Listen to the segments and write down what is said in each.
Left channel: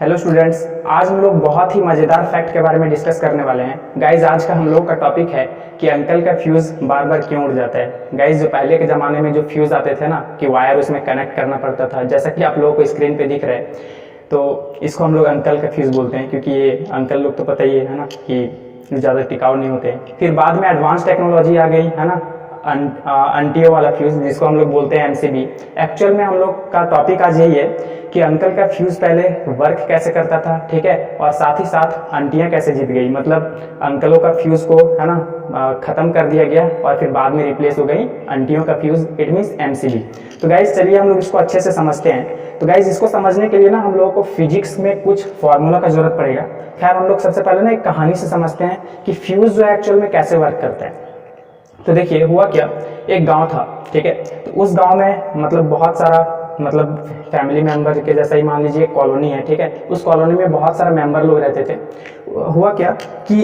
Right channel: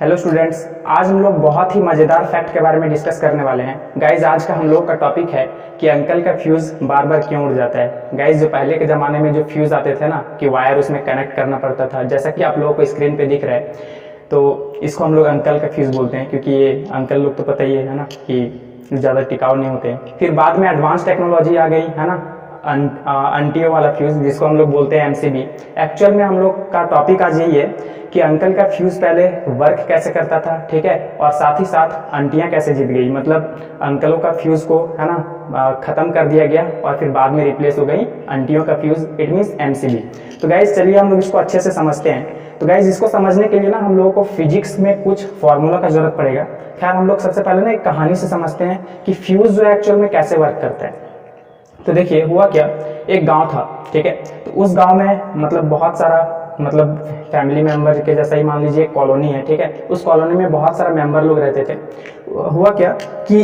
Hello students, आज हम लोग बहुत ही मज़ेदार फैक्ट के बारे में डिस्कस करने वाले हैं। गाइज, आज का हम लोग का टॉपिक है कि अंकल का फ्यूज़ बार बार क्यों उड़ जाता है। गाइज, जो पहले के ज़माने में जो फ्यूज़ आते थे ना, कि वायर उसमें कनेक्ट करना पड़ता था, जैसा कि आप लोगों को स्क्रीन पे दिख रहा है, तो इसको हम लोग अंकल का फ्यूज़ बोलते हैं, क्योंकि ये अंकल लोग तो पता ही है ना कि ज़्यादा टिकाऊ नहीं होते हैं। फिर बाद में एडवांस टेक्नोलॉजी आ गई है ना, अंटियो वाला फ्यूज़, जिसको हम लोग बोलते हैं एमसीबी। एक्चुअल में हम लोग का टॉपिक आज यही है कि अंकल का फ्यूज़ पहले वर्क कैसे करता था, ठीक है, और साथ ही साथ अंटियाँ कैसे जीत गई। मतलब अंकलों का फ्यूज़ को है ना ख़त्म कर दिया गया और फिर बाद में रिप्लेस हो गई अंटियों का फ्यूज़, इट मीन्स एमसीबी। तो गाइज चलिए हम लोग इसको अच्छे से समझते हैं। तो गाइज, इसको समझने के लिए ना हम लोगों को फिजिक्स में कुछ फार्मूला का ज़रूरत पड़ेगा। खैर, हम लोग सबसे पहले ना एक कहानी से समझते हैं कि फ्यूज़ जो है एक्चुअल में कैसे वर्क करता है। तो देखिए, हुआ क्या, एक गांव था, ठीक है। तो उस गांव में मतलब बहुत सारा मतलब फैमिली मेंबर के जैसा ही मान लीजिए एक कॉलोनी है, ठीक है। उस कॉलोनी में बहुत सारा मेंबर लोग रहते थे। हुआ क्या कि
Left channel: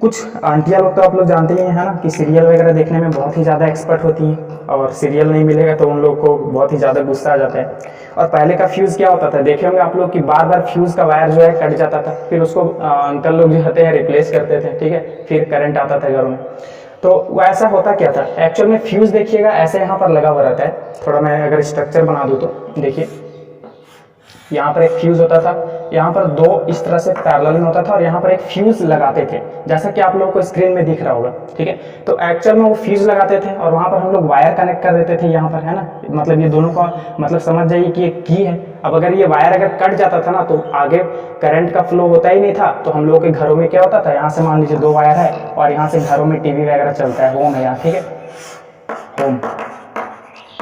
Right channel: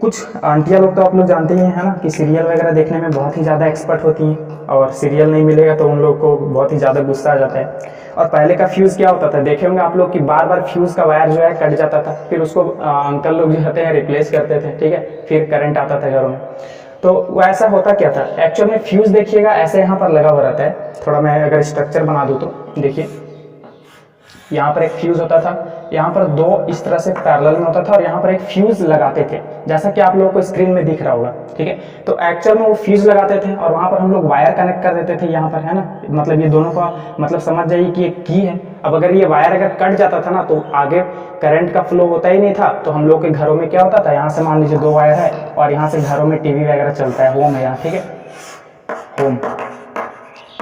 कुछ आंटियाँ लोग तो आप लोग जानते ही हैं, है ना, कि सीरियल वगैरह देखने में बहुत ही ज़्यादा एक्सपर्ट होती हैं, और सीरियल नहीं मिलेगा तो उन लोग को बहुत ही ज़्यादा गुस्सा आ जाता है। और पहले का फ्यूज़ क्या होता था, देखे होंगे आप लोग कि बार बार फ्यूज़ का वायर जो है कट जाता था, फिर उसको अंकल लोग जो होते हैं रिप्लेस करते थे, ठीक है। फिर करंट आता था घरों में। तो वो ऐसा होता क्या था एक्चुअल में, फ्यूज़ देखिएगा ऐसे यहाँ पर लगा हुआ रहता है। थोड़ा मैं अगर स्ट्रक्चर बना दूँ तो देखिए, यहाँ पर एक फ्यूज़ होता था, यहाँ पर दो इस तरह से पैरेलल में होता था, और यहाँ पर एक फ्यूज़ लगाते थे, जैसा कि आप लोगों को स्क्रीन में दिख रहा होगा, ठीक है। तो एक्चुअल में वो फ्यूज़ लगाते थे और वहाँ पर हम लोग वायर कनेक्ट कर देते थे यहाँ पर, है ना। मतलब ये दोनों का मतलब समझ जाइए कि एक की है। अब अगर ये वायर अगर कट जाता था ना, तो आगे करंट का फ्लो होता ही नहीं था। तो हम लोग के घरों में क्या होता था, यहाँ से मान लीजिए दो वायर है और यहाँ से घरों में टीवी वगैरह चलता है, होम है यहाँ, ठीक है, होम,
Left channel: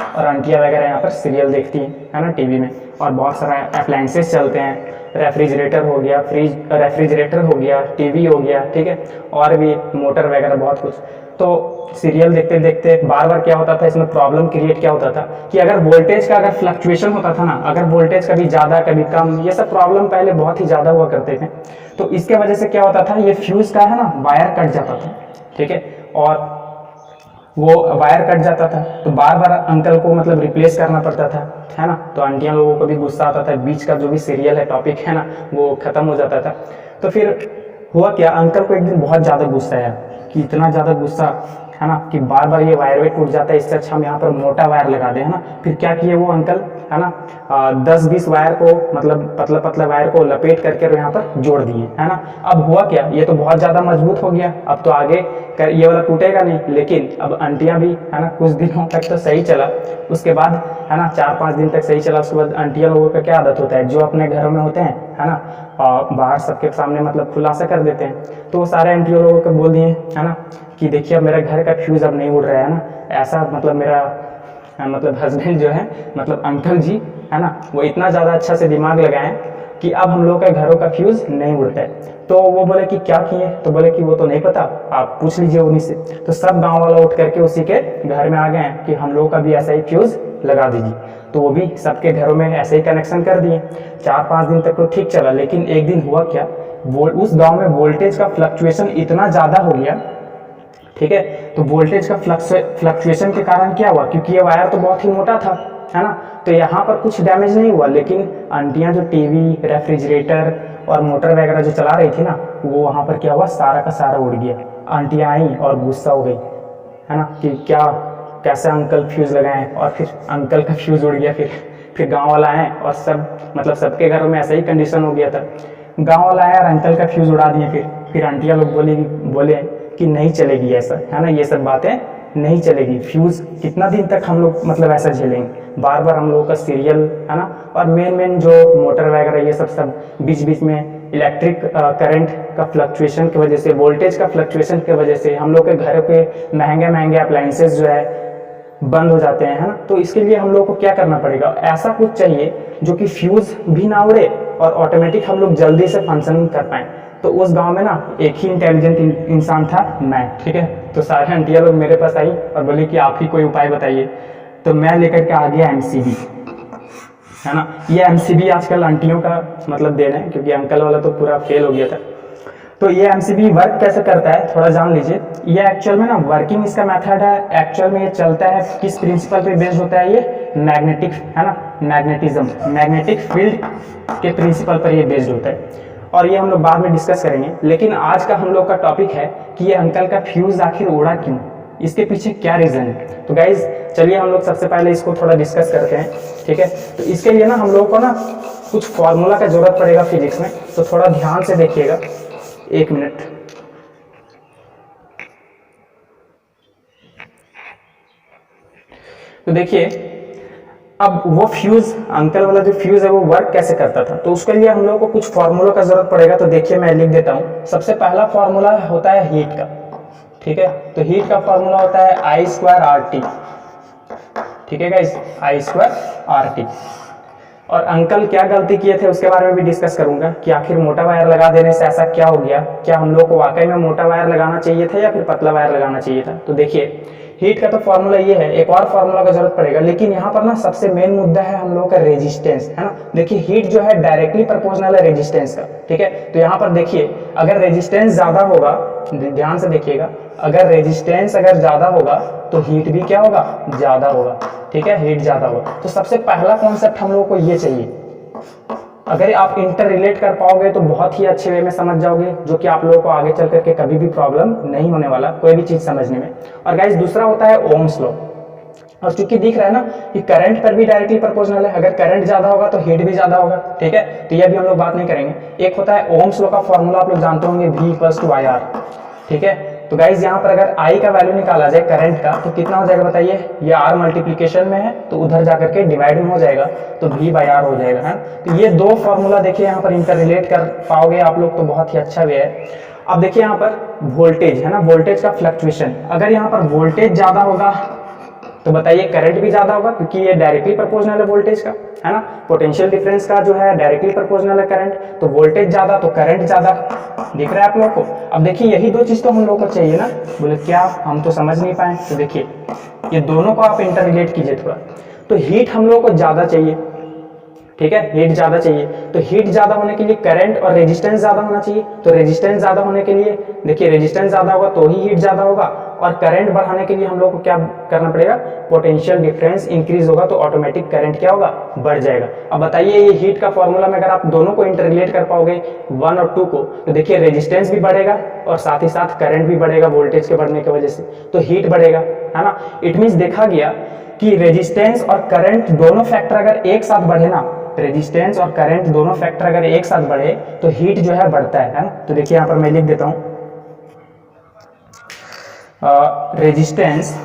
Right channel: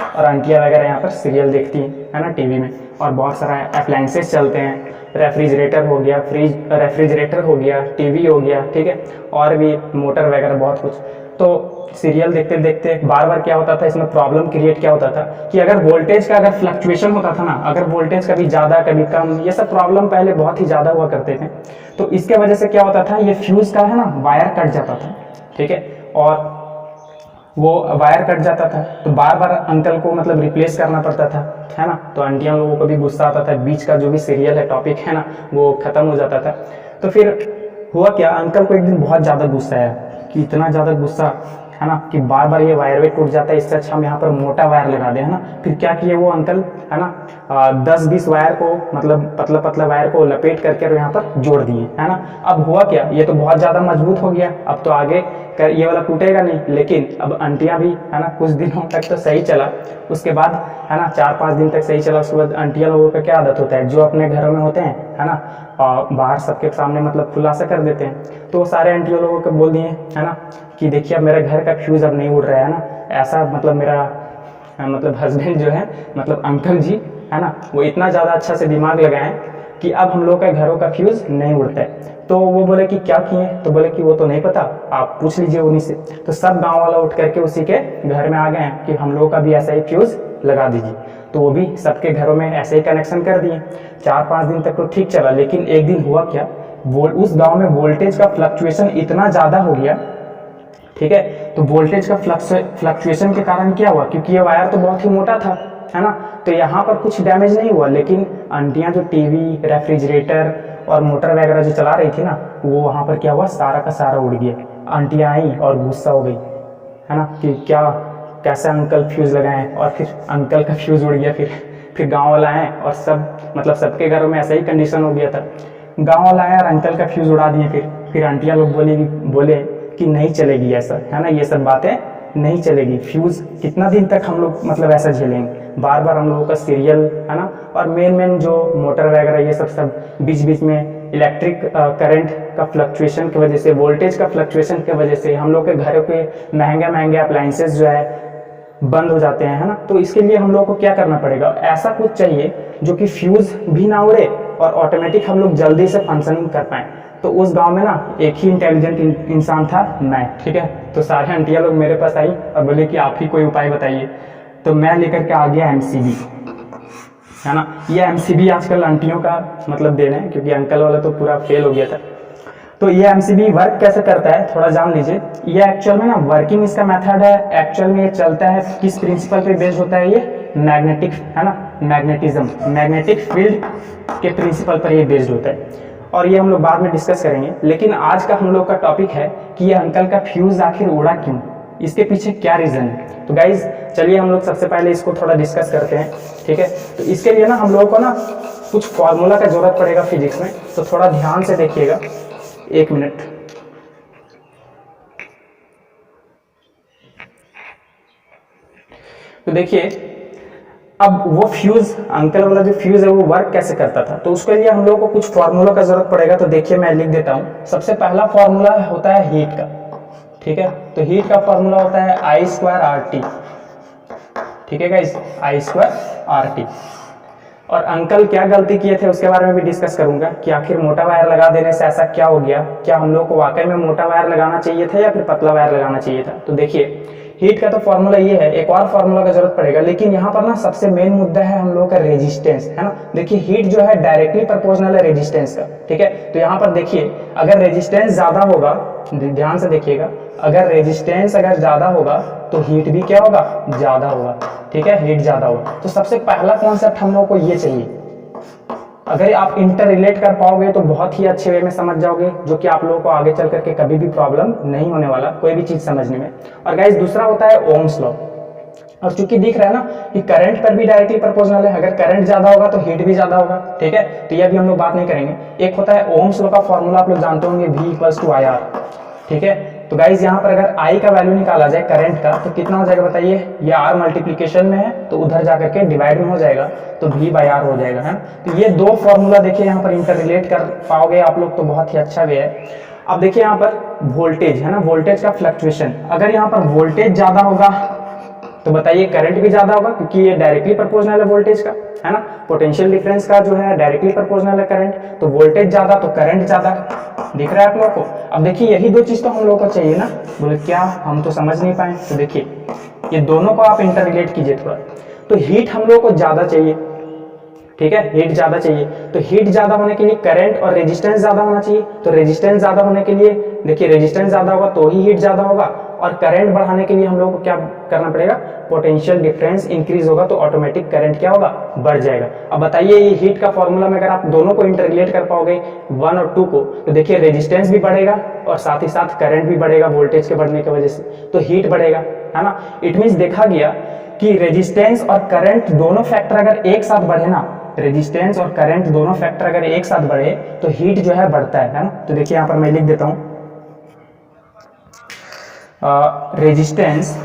और आंटियाँ वगैरह यहाँ पर सीरियल देखती हैं, है ना, टीवी में। और बहुत सारा अप्लाइंसेस चलते हैं, रेफ्रिजरेटर हो गया, रेफ्रिजरेटर हो गया, टीवी हो गया, ठीक है, और भी मोटर वगैरह बहुत कुछ। तो सीरियल देखते देखते बार बार क्या होता था, इसमें प्रॉब्लम क्रिएट क्या होता था कि अगर वोल्टेज का अगर फ्लक्चुएशन होता था ना, अगर वोल्टेज कभी ज़्यादा कभी कम, ये सब प्रॉब्लम पहले बहुत ही ज़्यादा हुआ करते थे। तो इसके वजह से क्या होता था, ये फ्यूज़ का है ना वायर कट जाता था, ठीक है, और वो वायर कट जाता था तो बार बार अंकल को मतलब रिप्लेस करना पड़ता था, है ना। तो आंटियाँ लोगों को भी गुस्सा आता था, बीच का जो भी सीरियल है, टॉपिक है ना, वो ख़त्म हो जाता था। तो फिर हुआ क्या, अंकल को एक दिन बहुत ज़्यादा गुस्सा आया, कि इतना ज़्यादा गुस्सा, है ना, कि बार बार ये वायर वे टूट जाता है, इससे अच्छा हम यहाँ पर मोटा वायर लगा दें, है ना। फिर क्या किए वो अंकल, है ना, 10-20 वायर को मतलब पतला पतला वायर को लपेट करके यहाँ पर जोड़ दिए, है ना। अब हुआ क्या, ये तो बहुत ज़्यादा मजबूत हो गया, अब तो आगे ये वाला टूटेगा नहीं। लेकिन अब आंटियाँ भी, है ना, कुछ दिनों तक तो सही चला, उसके बाद, है ना, 4-5 दिन तक सही चला। उसके बाद आंटियाँ लोगों का क्या आदत होता है, जो अपने घरों में होते हैं, है ना, बाहर सबके सामने मतलब खुलासा कर देते हैं। तो वो सारे आंटियों लोगों को बोल दिए, है ना, कि देखिए अब मेरा घर का फ्यूज़ अब नहीं उड़ रहा है ना। ऐसा मतलब मेरा मतलब हस्बैंड जो है, मतलब अंकल जी, है ना, वो इतना ज़्यादा अच्छा से दिमाग लगाएं कि अब हम लोग का घरों का फ्यूज़ नहीं उड़ता है। तो वो बोले कि क्या किए, तो बोले कि वो तो नहीं पता, आप पूछ लीजिए उन्हीं से। तो सब गांव वाला उठ करके उसी के घर में आ गए कि हम लोग का भी ऐसा ही फ्यूज़ लगा दीजिए। तो वो भी सबके घरों में ऐसे ही कनेक्शन कर दिए। 4-5 दिन तक तो ठीक चला, लेकिन एक दिन हुआ क्या, उस गाँव में वोल्टेज का फ्लक्चुएशन इतना ज़्यादा हो गया, ठीक है। तो वोल्टेज का फ्लक्चुएशन के कारण क्या हुआ, क्योंकि ये वायर तो बहुत ही मोटा था, है ना, तो यहाँ पर कुछ डैमेज नहीं हुआ। लेकिन आंटियाँ जो टीवी, रेफ्रिजरेटर और मोटर वगैरह जो चला रही थी ना, वो वहाँ पर क्या हुआ, सारा का सारा उड़ गया। आंटियाँ आई और गुस्सा हो गई, है ना, कि क्या कैसे अंकल फ्यूज़ लगाएं, और फिर अंकल का फ्यूज़ उड़ गया। फिर गाँव वाला आए और सब मतलब सबके घरों में ऐसा ही कंडीशन हो गया था। गाँव वाला आया और अंकल का फ्यूज़ उड़ा दिए। फिर आंटियाँ लोग बोले कि नहीं चलेगी ऐसा, है ना, ये सब बातें नहीं चलेगी। फ्यूज़ कितना दिन तक हम लोग मतलब ऐसा झेलेंगे, बार बार हम लोगों का सीरियल, है ना, और मेन जो मोटर वगैरह ये सब बीच बीच में इलेक्ट्रिक करंट का फ्लक्चुएशन की वजह से, वोल्टेज का फ्लक्चुएशन की वजह से हम लोग के घरों के महंगे अप्लाइंसेस जो है बंद हो जाते हैं, है ना। तो इसके लिए हम लोग को क्या करना पड़ेगा, ऐसा कुछ चाहिए जो कि फ्यूज़ भी ना उड़े और ऑटोमेटिक हम लोग जल्दी से फंक्शनिंग कर पाएँ। तो उस गांव में ना एक ही इंटेलिजेंट इंसान था, मैं, ठीक है। तो सारे आंटियाँ लोग मेरे पास आई और बोले कि आप ही कोई उपाय बताइए। तो मैं लेकर के आ गया एमसीबी, है ना। ये एमसीबी आजकल आंटियों का मतलब देना है, क्योंकि अंकल वाला तो पूरा फेल हो गया था। तो ये एमसीबी वर्क कैसे करता है थोड़ा जान लीजिए। ये एक्चुअल में ना वर्किंग इसका मेथड है, एक्चुअल में ये चलता है किस प्रिंसिपल पे बेस्ड होता है ये, मैग्नेटिक, है ना, मैग्नेटिज्म, मैग्नेटिक फील्ड के प्रिंसिपल पर ये बेस्ड होता है, और ये हम लोग बाद में डिस्कस करेंगे। लेकिन आज का हम लोग का टॉपिक है कि ये अंकल का फ्यूज़ आखिर उड़ा क्यों, इसके पीछे क्या रीज़न है। तो गाइज चलिए हम लोग सबसे पहले इसको थोड़ा डिस्कस करते हैं, ठीक है। तो इसके लिए ना हम लोगों को ना कुछ फॉर्मूला का ज़रूरत पड़ेगा फिजिक्स में, तो थोड़ा ध्यान से देखिएगा, 1 मिनट। तो देखिए, अब वो फ्यूज़, अंकल वाला जो फ्यूज़ है वो वर्क कैसे करता था, तो उसके लिए हम लोगों को कुछ फार्मूला का ज़रूरत पड़ेगा। तो देखिए मैं लिख देता हूँ। सबसे पहला फार्मूला होता है हीट का, ठीक है। तो हीट का फार्मूला होता है I²RT, ठीक है गाइस, I²RT। और अंकल क्या गलती किए थे उसके बारे में भी डिस्कस करूंगा कि आखिर मोटा वायर लगा देने से ऐसा क्या हो गया, क्या हम लोग को वाकई में मोटा वायर लगाना चाहिए था या फिर पतला वायर लगाना चाहिए था। तो देखिए हीट का तो फॉर्मूला ये है, एक और फार्मूला का जरूरत पड़ेगा, लेकिन यहाँ पर ना सबसे मेन मुद्दा है हम लोगों का रेजिस्टेंस, है ना। देखिए हीट जो है डायरेक्टली प्रोपोर्शनल है रेजिस्टेंस का, ठीक है। तो यहाँ पर देखिए अगर रेजिस्टेंस ज़्यादा होगा, ध्यान से देखिएगा, अगर रेजिस्टेंस अगर ज़्यादा होगा तो हीट भी क्या होगा, ज़्यादा होगा, ठीक है, हीट ज़्यादा होगा। तो सबसे पहला कॉन्सेप्ट हम लोगों को ये चाहिए। अगर आप इंटर रिलेट कर पाओगे तो बहुत ही अच्छे वे में समझ जाओगे, जो कि आप लोगों को आगे चल करके कभी भी प्रॉब्लम नहीं होने वाला कोई भी चीज़ समझने में। और गाइस दूसरा होता है ओम्स लॉ, और चूंकि दिख रहा है ना कि करंट पर भी डायरेक्टली प्रोपोर्शनल है, अगर करंट ज्यादा होगा तो हीट भी ज्यादा होगा, ठीक है। तो ये भी हम लोग बात नहीं करेंगे। एक होता है ओम्स लॉ का फॉर्मूला, आप लोग जानते होंगे V=IR, ठीक है। तो गाइज यहाँ पर अगर I का वैल्यू निकाला जाए करंट का तो कितना हो जाएगा बताइए, ये R मल्टीप्लीकेशन में है तो उधर जाकर के डिवाइड में हो जाएगा तो V/R हो जाएगा, है। तो ये दो फॉर्मूला देखिए यहाँ पर इंटर रिलेट कर पाओगे आप लोग तो बहुत ही अच्छा वे है। अब देखिए यहाँ पर वोल्टेज है ना, वोल्टेज का फ्लक्चुएशन, अगर यहाँ पर वोल्टेज ज्यादा होगा तो बताइए करंट भी ज्यादा होगा, क्योंकि ये डायरेक्टली प्रोपोर्शनल है वोल्टेज का, है ना। पोटेंशियल डिफरेंस का जो है डायरेक्टली प्रोपोर्शनल है करंट, तो वोल्टेज ज्यादा तो करंट ज्यादा, दिख रहा है आप लोगों को। अब देखिए यही दो चीज तो हम लोगों को चाहिए ना, बोले क्या हम तो समझ नहीं पाए। तो देखिए ये दोनों को आप इंटर रिलेट कीजिए थोड़ा। तो हीट हम लोगों को ज्यादा चाहिए, ठीक है, हीट ज्यादा चाहिए। तो हीट ज्यादा होने के लिए करंट और रेजिस्टेंस ज्यादा होना चाहिए। तो रेजिस्टेंस ज्यादा होने के लिए देखिए रेजिस्टेंस ज्यादा होगा तो ही हीट ज्यादा होगा, और करंट बढ़ाने के लिए हम लोग को क्या करना पड़ेगा, पोटेंशियल डिफरेंस इंक्रीज होगा तो ऑटोमेटिक करंट क्या होगा, बढ़ जाएगा। अब बताइए ये हीट का फॉर्मूला में अगर आप दोनों को इंटर रिलेट कर पाओगे 1 और 2 को, तो देखिए रेजिस्टेंस भी बढ़ेगा और साथ ही साथ करंट भी बढ़ेगा वोल्टेज के बढ़ने की वजह से, तो हीट बढ़ेगा, है ना। इट मीन्स देखा गया कि रेजिस्टेंस और करंट दोनों फैक्टर अगर एक साथ बढ़े ना, रेजिस्टेंस और करंट दोनों फैक्टर अगर एक साथ बढ़े तो हीट जो है बढ़ता है ना। तो देखिए यहाँ पर मैं लिख देता हूँ, रेजिस्टेंस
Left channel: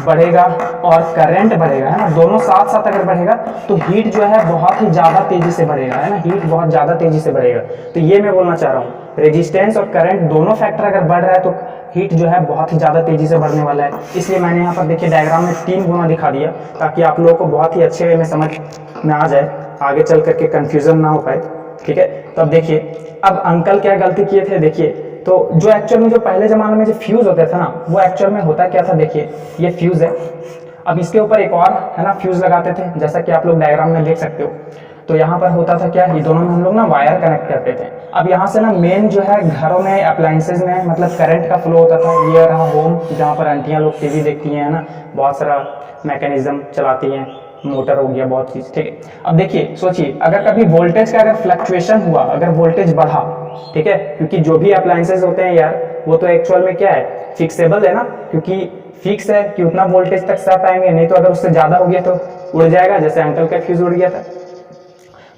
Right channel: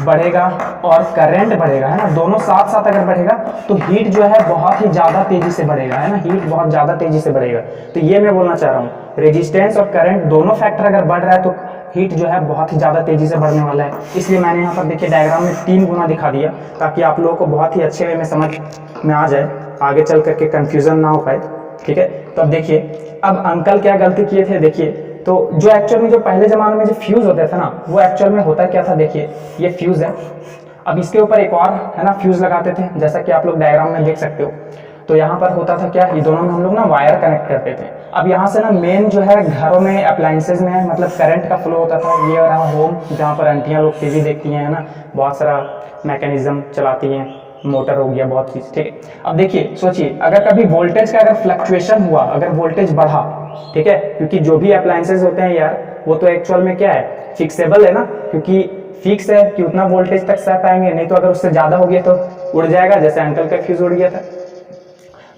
बढ़ेगा और करंट बढ़ेगा, है ना, दोनों साथ साथ अगर बढ़ेगा तो हीट जो है बहुत ही ज़्यादा तेजी से बढ़ेगा, है ना, हीट बहुत ज़्यादा तेजी से बढ़ेगा। तो ये मैं बोलना चाह रहा हूँ, रेजिस्टेंस और करंट दोनों फैक्टर अगर बढ़ रहा है तो हीट जो है बहुत ही ज़्यादा तेजी से बढ़ने वाला है। इसलिए मैंने यहाँ पर देखिए डायग्राम में 3 गुना दिखा दिया, ताकि आप लोगों को बहुत ही अच्छे वे में समझ में आ जाए, आगे चल करके कन्फ्यूज़न ना हो पाए, ठीक है। तो अब देखिए अब अंकल क्या गलती किए थे, देखिए तो जो एक्चुअल में जो पहले ज़माने में जो फ्यूज़ होते थे ना, वो एक्चुअल में होता क्या था, देखिए ये फ्यूज़ है, अब इसके ऊपर एक और है ना फ्यूज़ लगाते थे, जैसा कि आप लोग डायग्राम में देख सकते हो। तो यहाँ पर होता था क्या, ये दोनों में हम लोग ना वायर कनेक्ट करते थे। अब यहाँ से ना मेन जो है घरों में अप्लाइंसेज में मतलब करंट का फ्लो होता था। ये रहा होम, जहाँ पर आंटियाँ लोग टीवी देखती हैं, है ना, बहुत सारा मैकेनिज्म चलाती हैं, मोटर हो गया, बहुत चीज़, ठीक है। अब देखिए सोचिए अगर कभी वोल्टेज का अगर फ्लक्चुएशन हुआ, अगर वोल्टेज बढ़ा, ठीक है, क्योंकि जो भी अप्लाइंसेज होते हैं यार वो तो एक्चुअल में क्या है, फिक्सेबल है ना, क्योंकि फिक्स है कि उतना वोल्टेज तक सह पाएंगे, नहीं तो अगर उससे ज़्यादा हो गया तो उड़ जाएगा, जैसे अंकल का फ्यूज़ उड़ गया था।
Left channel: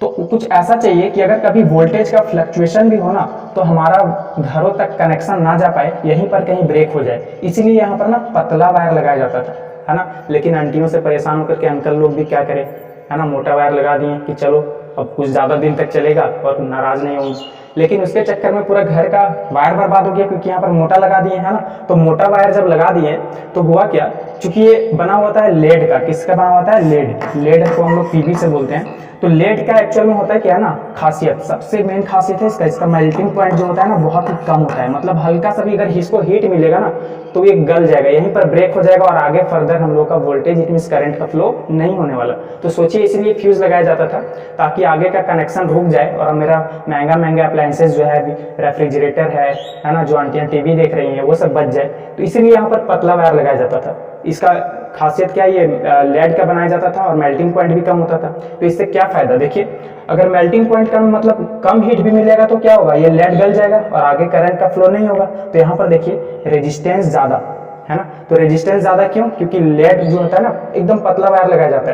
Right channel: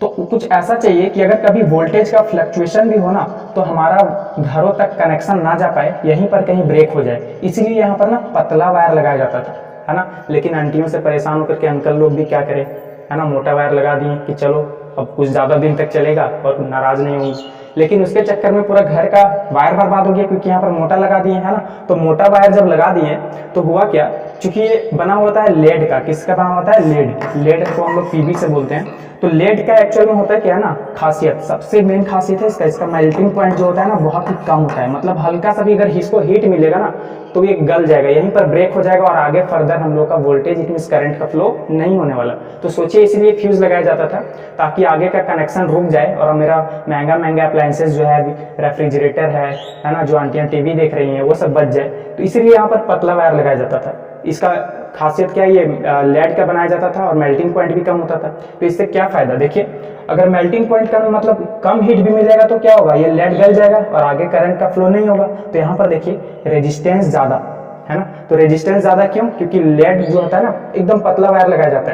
तो कुछ ऐसा चाहिए कि अगर कभी वोल्टेज का फ्लक्चुएशन भी हो ना तो हमारा घरों तक कनेक्शन ना जा पाए, यहीं पर कहीं ब्रेक हो जाए, इसलिए यहाँ पर ना पतला वायर लगाया जाता था, है ना। लेकिन आंटियों से परेशान होकर के अंकल लोग भी क्या करें, है ना, मोटा वायर लगा दिए कि चलो अब कुछ ज़्यादा दिन तक चलेगा और नाराज़ नहीं होंगी। लेकिन उसके चक्कर में पूरा घर का वायर बर्बाद हो गया, क्योंकि यहाँ पर मोटा लगा दिए, है ना। तो मोटा वायर जब लगा दिए तो हुआ क्या, चूंकि ये बना होता है लेड का, किसका बना होता है, लेड, लेड को हम लोग पीबी से बोलते हैं। तो लेड का एक्चुअल में होता है क्या है ना, खासियत, सबसे मेन खासियत है इसका मेल्टिंग पॉइंट जो होता है ना बहुत ही कम होता है, मतलब हल्का सा भी अगर इसको हीट मिलेगा ना तो ये गल जाएगा, यहीं पर ब्रेक हो जाएगा और आगे फर्दर हम लोग का वोल्टेज इट मींस करंट का फ्लो नहीं होने वाला। तो सोचिए इसीलिए फ्यूज लगाया जाता था ताकि आगे का कनेक्शन रुक जाए और मेरा महंगा अप्लायंसेज जो है रेफ्रिजरेटर है ना, जो आंटियां टीवी देख रही हैं वो सब बच जाए। तो इसीलिए यहाँ पर पतला वायर लगाया जाता था। इसका खासियत क्या है, ये लेड का बनाया जाता था और मेल्टिंग पॉइंट भी कम होता था। तो इससे क्या फ़ायदा, देखिए अगर मेल्टिंग पॉइंट कम मतलब कम हीट भी मिलेगा तो क्या होगा, ये लेड गल जाएगा और आगे करंट का फ्लो नहीं होगा। तो यहाँ पर देखिए रेजिस्टेंस ज़्यादा है ना, तो रेजिस्टेंस ज़्यादा क्यों, क्योंकि लेड जो होता है ना एकदम पतला वायर लगाया जाता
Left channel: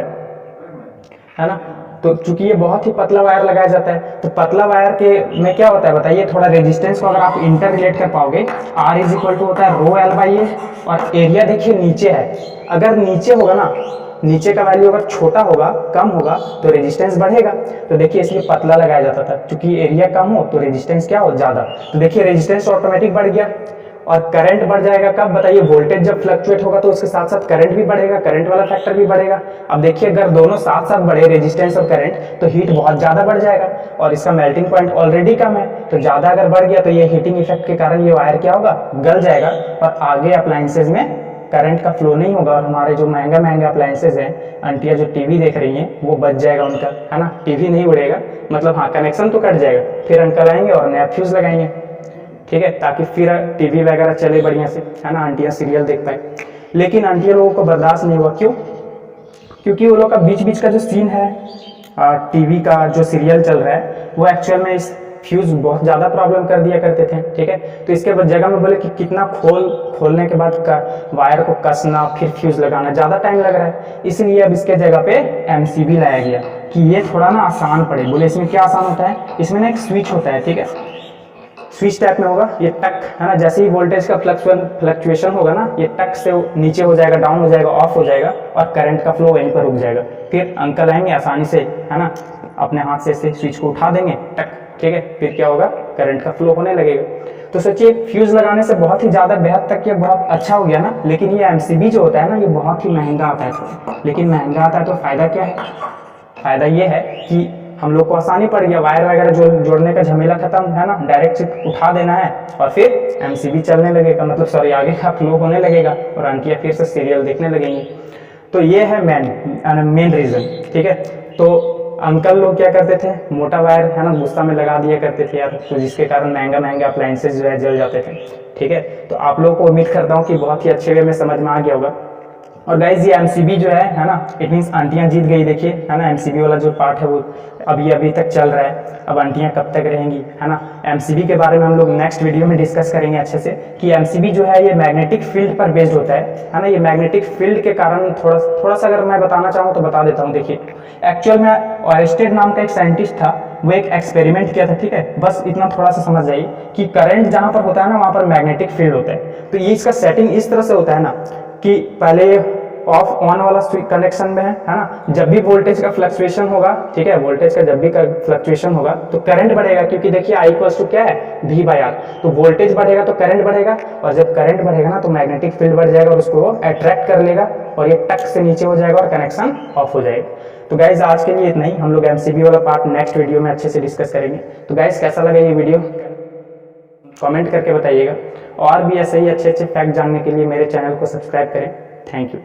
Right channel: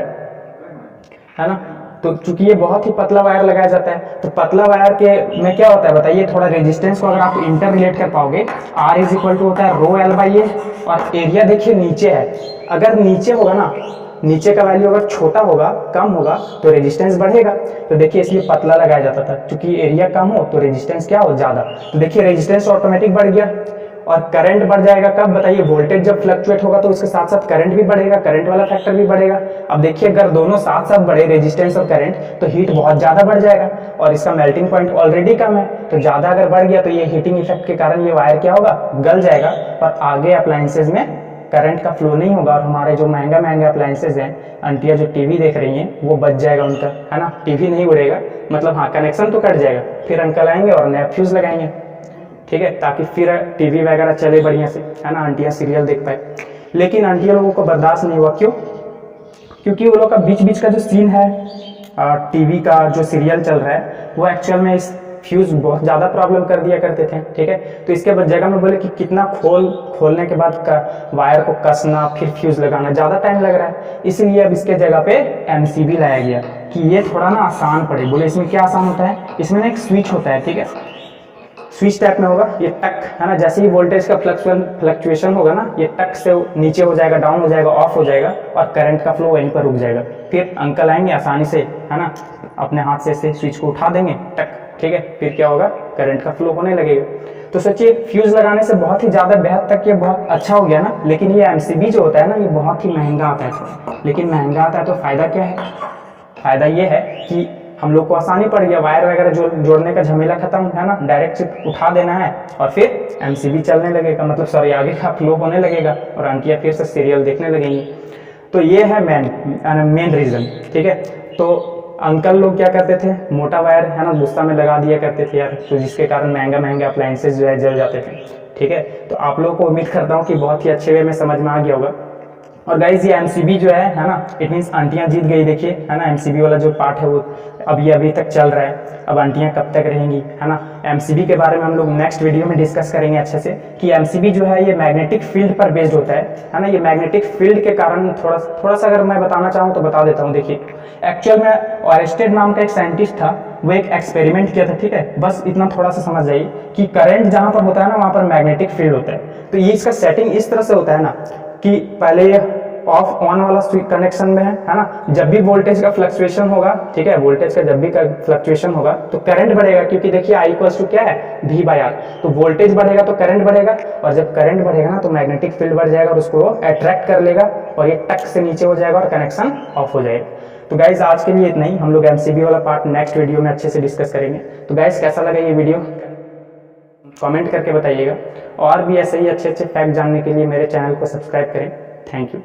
है ना। तो चूंकि ये बहुत ही पतला वायर लगाया जाता है, तो पतला वायर के में क्या होता है बताइए, थोड़ा रेजिस्टेंस को अगर आप इंटर रिलेट कर पाओगे, R इज इक्वल टू होता है रो एल बाई ए, और एरिया देखिए नीचे है, अगर नीचे होगा ना, नीचे का वैल्यू अगर छोटा होगा कम होगा तो रेजिस्टेंस बढ़ेगा। तो देखिए इसलिए पतला लगाया जाता था, क्योंकि एरिया कम हो तो रेजिस्टेंस क्या हो, ज़्यादा। तो देखिए रेजिस्टेंस ऑटोमेटिक बढ़ गया, और करंट बढ़ जाएगा कब बताइए, वोल्टेज जब फ्लक्चुएट होगा तो इसके साथ साथ करंट भी बढ़ेगा, करंट वाला फैक्टर भी बढ़ेगा। अब देखिए अगर दोनों साथ साथ बढ़े, रेजिस्टेंस और करंट, तो हीट बहुत ज़्यादा बढ़ जाएगा, और इसका मेल्टिंग पॉइंट ऑलरेडी कम है, तो ज़्यादा अगर बढ़ गया तो ये हीटिंग इफेक्ट के कारण ये वायर क्या होगा, गल जाएगा, और आगे अप्लायंसेज में करंट का फ्लो नहीं होगा, और हमारे जो महंगा महंगा अप्लायंसेज हैं, आंटियाँ जो टीवी देख रही हैं वो बच जाएगा उनका, है ना। टीवी नहीं उड़ेगा, मतलब हाँ कनेक्शन तो कट जाएगा, फिर अंकल आएंगे और नया फ्यूज़ लगाएंगे, ठीक है, ताकि फिर टीवी वगैरह चले बढ़िया से, है ना, आंटियाँ सीरियल देख पाए। लेकिन आंटियाँ लोगों को बर्दाश्त नहीं हुआ, क्यों, क्योंकि वो लोग का बीच बीच का जो सीन है टीवी का जो सीरियल चल रहा है वो एक्चुअल में इस फ्यूज़ बहुत ज़्यादा प्रॉब्लम कर दिया करते थे, ठीक है। तो इसके बाद जगह में बोले कि कितना खोलने के बाद वायर को कसना फिर फ्यूज़ लगाना ज़्यादा टाइम लग रहा है, इसीलिए अब इसके जगह पे MCB लाया गया कि ये थोड़ा ना आसान पड़े। बोले इसमें क्या आसान होता है, इसमें ना एक स्विच होता है, ठीक है, स्विच टाइप में होगा, ये टक है ना, जैसे ही वोल्टेज का फ्लक्चुएशन होगा ना, ये टक से नीचे हो जाएगा, डाउन हो जाएगा, ऑफ हो जाएगा, और करंट का फ्लो वहीं पर रुक जाएगा। फिर अंकल आएंगे आसानी से, है ना, अपने हाथ से ऐसे स्विच को उठा देंगे टक, ठीक है, फिर क्या होगा, करंट का फ्लो होने लगेगा। तो सोचिए फ्यूज़ लगाने से बहुत ही ज़्यादा बेहद तक ये बहुत अच्छा हो गया ना। लेकिन ये MCB जो होता है ना, ये बहुत ही महंगा आता है थोड़ा, लेकिन महंगा आता है तो फ़ायदा क्या है, फ़ायदा ये है कि हम लोग को आसानी पड़ गया, वायर वगैरह जोड़ने का झमेला खत्म, है ना, डायरेक्ट उठा देना है और फिर MCB चलने लगेगा, मतलब सॉरी आगे का फ्लो होने लगेगा और आंटियाँ फिर से सीरियल देखने लगेंगी। तो ये है मेन रीज़न, ठीक है। तो अंकल लोग क्या करते थे, मोटा वायर है ना गुस्सा में लगा दिया करते थे यार, तो जिसके कारण महंगा महंगा अप्लायंसेज जो है जल जाते थे, ठीक है। तो आप लोगों को उम्मीद करता हूँ कि बहुत ही अच्छे वे में समझ में आ गया होगा। और गाइज ये MCB जो है ना, इट मीन्स आंटियाँ जीत गई, देखिए है ना, MCB वाला जो पार्ट है वो अभी तक चल रहा है, अब आंटियाँ कब तक रहेंगी, है ना। MCB के बारे में हम लोग नेक्स्ट वीडियो में डिस्कस करेंगे अच्छे से, कि MCB जो है ये मैग्नेटिक फील्ड पर बेस्ड होता है ना। ये मैग्नेटिक फील्ड के कारण थोड़ा सा अगर मैं बताना चाहूँ तो बता देता हूँ। देखिए एक्चुअल में ऑरेस्टेड नाम का एक साइंटिस्ट था, वो एक एक्सपेरिमेंट किया था, ठीक है, बस इतना थोड़ा सा समझ जाइए कि करंट जहाँ पर होता है ना वहाँ पर मैग्नेटिक फील्ड होता है। तो ये इसका सेटिंग इस तरह से होता है ना कि पहले ये ऑफ ऑन वाला कनेक्शन में है ना, जब भी वोल्टेज का फ्लक्चुएशन होगा, ठीक है, वोल्टेज का जब भी फ्लक्चुएशन होगा तो करंट बढ़ेगा, क्योंकि देखिए I इक्वल्स टू क्या है, V/R। तो वोल्टेज बढ़ेगा तो करंट बढ़ेगा, और जब करंट बढ़ेगा ना तो मैग्नेटिक फील्ड बढ़ जाएगा और उसको अट्रैक्ट कर लेगा, और ये टक से नीचे हो जाएगा और कनेक्शन ऑफ हो जाएगा। तो गाइज आज के लिए इतना ही, हम लोग MCB वाला पार्ट नेक्स्ट वीडियो में अच्छे से डिस्कस करेंगे। तो गाइज कैसा लगा ये वीडियो कमेंट करके बताइएगा, और भी ऐसे ही अच्छे अच्छे फैक्ट जानने के लिए मेरे चैनल को सब्सक्राइब करें। Thank you.